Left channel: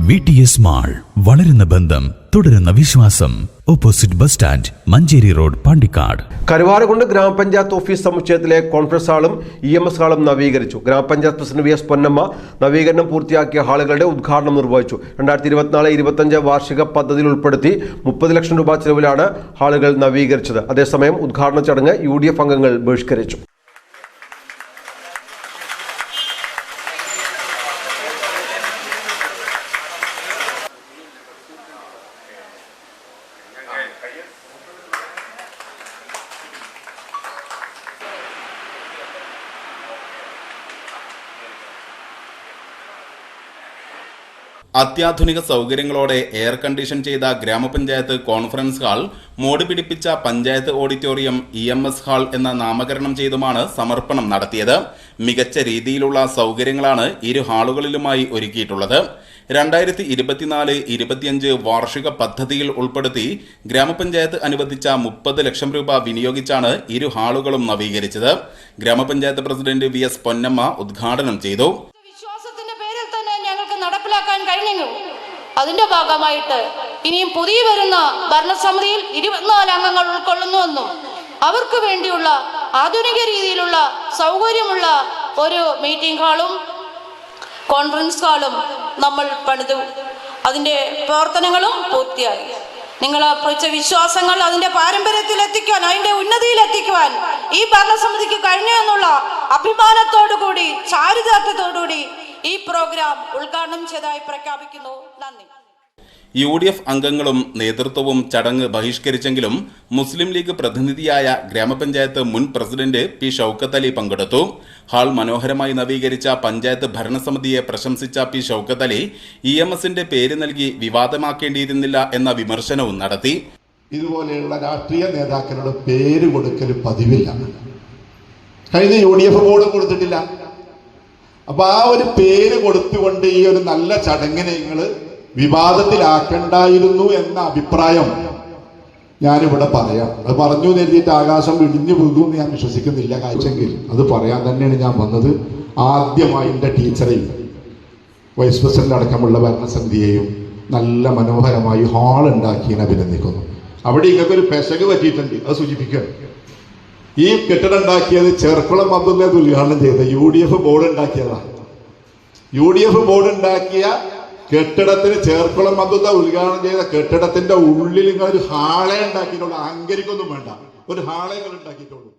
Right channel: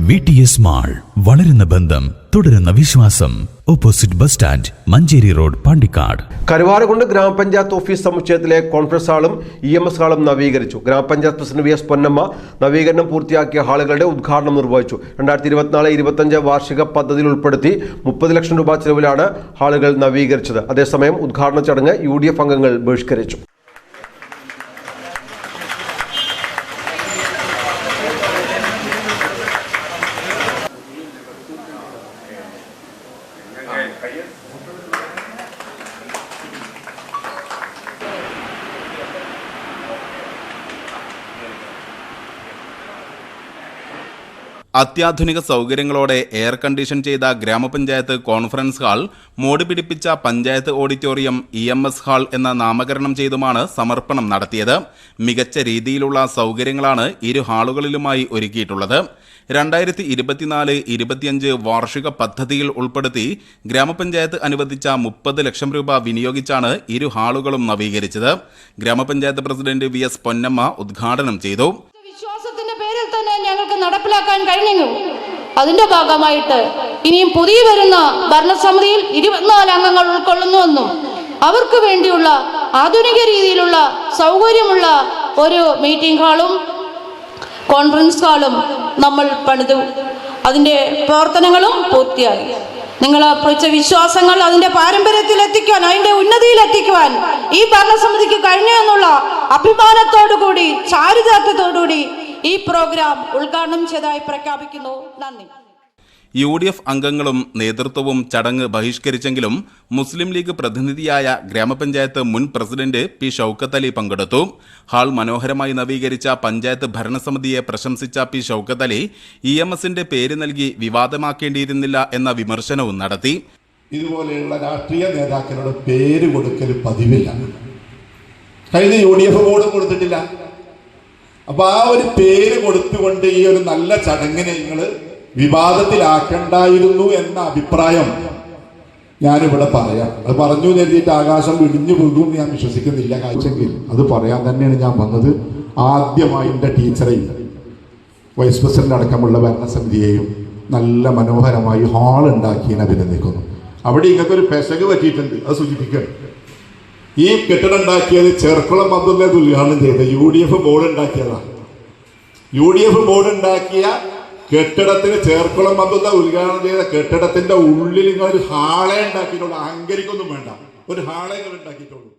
V T S mall വളരുന്ന ബന്ധം തുടരുന്ന വിശ്വാസം. Opposite bus stand Manjeri road Pandikkad. Karuvarakundu ഗ്രാമപഞ്ചായത്ത് ഓഫീസ് സമുച്ചയത്തിലെ കോൺഫറൻസ് ഹാളും ഇ എം എസ് ഹാളും നവീകരിച്ചു. ഗ്രാമപഞ്ചായത്ത് പ്രസിഡന്റ് വി എസ് പൊന്നമ്മ നവീകരണം പൂർത്തിയാക്കിയ ഹാളുകളുടെ ഉദ്ഘാടനം നിർവഹിച്ചു. രണ്ടായിരത്തി ഇരുപത്തിനാല് ഇരുപത്തഞ്ച് വാർഷിക പദ്ധതിയിൽ ഉൾപ്പെടുത്തി മുപ്പത് ലക്ഷം രൂപ ചെലവിലാണ് ഹാളുകൾ നവീകരിച്ചത്. അതേസമയം ഉദ്ഘാടന ചടങ്ങ് യു ഡി എഫ് അംഗങ്ങൾ ബഹിഷ്കരിച്ചു. Thank you. അത്യാധുനിക സൗകര്യങ്ങളോടെ എയർ കണ്ടീഷൻ ചെയ്ത ഗ്രാമപഞ്ചായത്ത് കോൺഫറൻസ് ഹാൾ മോടി പിടിപ്പിച്ച panchayat auditorium E M S hall എന്ന നാമകരണം ചെയ്തുമാണ് സമർപ്പണം നടത്തിയത്. മികച്ച രീതിയിലുള്ള സൗകര്യങ്ങളാണ് ഇരു ഹാളുകളിലുമായി ഒരുക്കിയിട്ടുള്ളത്. രണ്ടായിരത്തി ഇരുപത്തിനാല് ഇരുപത്തിയഞ്ച് വാർഷിക പദ്ധതിയിൽ ഉൾപ്പെടുത്തി ഗ്രാമപഞ്ചായത്ത് അനുവദിച്ച മുപ്പത് ലക്ഷം രൂപ വിനിയോഗിച്ചാണ് ഇരു ഹാളുകളും നവീകരിച്ചത്. ഗ്രാമപഞ്ചായത്ത് പ്രസിഡന്റ് വി എസ് പൊന്നമ്മ ഉദ്ഘാടനം ചെയ്തു. പേരിൽ തന്നെ ഞങ്ങൾക്ക് നടപ്പിലാക്കാൻ കഴിഞ്ഞു അതിന്റെ ഭാഗമായിട്ട് ഇനിയും പുതിയ വരുന്ന ഭരണസമിതിയിൽ ഇരുപത്തിനാല് അംഗങ്ങൾ ഉൾക്കൊള്ളുന്നുവെന്നും അവർക്ക് വേണ്ടിയുള്ള ആധുനിക രീതിയിലുള്ള സൗകര്യമുള്ള ഒരു മീറ്റിംഗ് ഹാളും കോൺഫറൻസ് ഹാളും നമ്മൾ പണിതു. അതിന്റെ പ്രവർത്തനങ്ങളും പൂർത്തിയായി. നിങ്ങൾ അർപ്പിച്ച വിശ്വാസങ്ങൾ അതിന്റെ പാരമ്പര്യത്തിൽ എത്തിക്കാൻ അതിന്റെ ഉന്നതിയിൽ എത്തിക്കുവാൻ ഈ ഭരണസമിതിക്ക് കഴിഞ്ഞു എന്നുള്ള അഭിമാനത്തോടുകൂടി ചാരിതാർത്ഥ്യത്തോടുകൂടി ഈ പ്രോഗ്രാം ഉദ്ഘാടനം ചെയ്തതായി പ്രഖ്യാപിക്കുന്നു. നന്ദി. യു ഡി എഫ് അംഗങ്ങളും നേതൃത്വവും ചടങ്ങ് ബഹിഷ്കരിച്ചെങ്കിലും മുസ്ലിം ലീഗ് പ്രതിനിധിയായ ഗ്രാമപഞ്ചായത്ത് മുൻ പ്രസിഡന്റ് പി ഷൌക്കത്ത് അലി പങ്കെടുത്തു. ഹാൾ മനോഹരമായി നവീകരിച്ച പഞ്ചായത്ത് ഭരണസമിതിയെ പ്രശംസിച്ച P Shoukath Ali E M എസിന്റെ പേര് നൽകി വിവാദമാക്കേണ്ടിയിരുന്നില്ല എന്ന വിമർശനവും നടത്തി. ഇതുപോലെയുള്ള രാഷ്ട്രീയ നേതാക്കളുടെ പേര് കൊടുക്കൽ പതിവില്ല. കഴിഞ്ഞ യു ഡി എഫ് ബോർഡും കൊടുത്തിട്ടില്ല. അപ്പൊ ആ ഒരു പേര് കൊടുത്തുകൊണ്ട് ഈ ഒരു നല്ല ചടങ്ങിനെ നിങ്ങൾ വിവാദത്തിലാക്കണ്ടായിരുന്നു എന്ന അഭിപ്രായം ഞാനിവിടെ പറയാം. അത് പറഞ്ഞു നേരിട്ട് ആകാശം ഇടിഞ്ഞു പോകും ഞാൻ വിശ്വസിക്കുന്നില്ല കാഴ്ചെങ്കിൽ. അത് പറയാൻ തന്നെയാണ് ഞാൻ വന്നത്. ആദ്യമായി എന്റെ ടീച്ചറെയും വൈസ് പ്രസിഡന്റ് അടക്കമുള്ള ഭരണസമിതിയെയും നല്ല മനോഹരമായി ഹാൾ ഉണ്ടാക്കി അഭിനന്ദിക്കുന്നു. അവിടെ ഇങ്ങനത്തെ ഒരു പെശക് പറ്റിയിട്ടുണ്ട്. അത് സൂചിപ്പിക്കണം ഈ കെട്ടിടം ഉണ്ടാക്കിയത് ചെർക്കുളം പന്തുന്നത് ഉദ്ഘാടനം ചെയ്ത യു ഡി എഫ് ബോർഡ് ഉണ്ടാക്കിയതാ. യു ഡി എഫ് ബോർഡ് ഉണ്ടാക്കിയ കെട്ടിടത്തിന് ചേർക്കുളം അബ്ദുള്ള ഉദ്ഘാടനം ചെയ്ത കെട്ടിടത്തിന്റെ ഉള്ളിൽ നിങ്ങൾ ഒരു ഹാളെ ഉണ്ടാക്കിയിട്ടുള്ളൂ. അഹങ്കരിക്കൊന്നും വേണ്ട. ഒരു ഹാളെ ഉണ്ടാക്കിയിട്ടുള്ളൂ.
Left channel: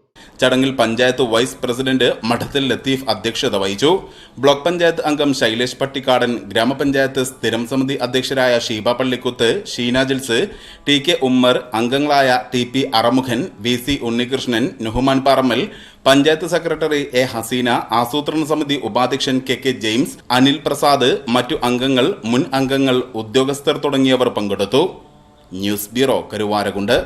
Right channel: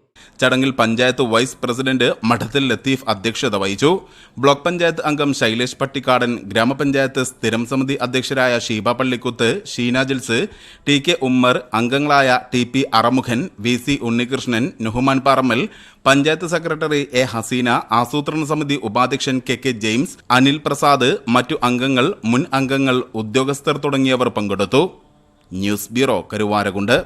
ചടങ്ങിൽ പഞ്ചായത്ത് വൈസ് പ്രസിഡന്റ് മഠത്തിൽ ലത്തീഫ് അധ്യക്ഷത വഹിച്ചു. ബ്ലോക്ക് പഞ്ചായത്ത് അംഗം ശൈലേഷ് പട്ടിക്കാടൻ ഗ്രാമപഞ്ചായത്ത് സ്ഥിരം സമിതി അധ്യക്ഷരായ ഷീബ പള്ളിക്കുത്ത് ഷീന ജിൽസ് ടി കെ ഉമ്മർ അംഗങ്ങളായ T P Arumughan V C Unnikrishnan Nuhuman Parammal panchayat secretary A Haseena ആസൂത്രണ സമിതി ഉപാധ്യക്ഷൻ K K James Anil Prasad മറ്റു അംഗങ്ങൾ മുൻ അംഗങ്ങൾ ഉദ്യോഗസ്ഥർ തുടങ്ങിയവർ പങ്കെടുത്തു. News bureau Karuvarakundu.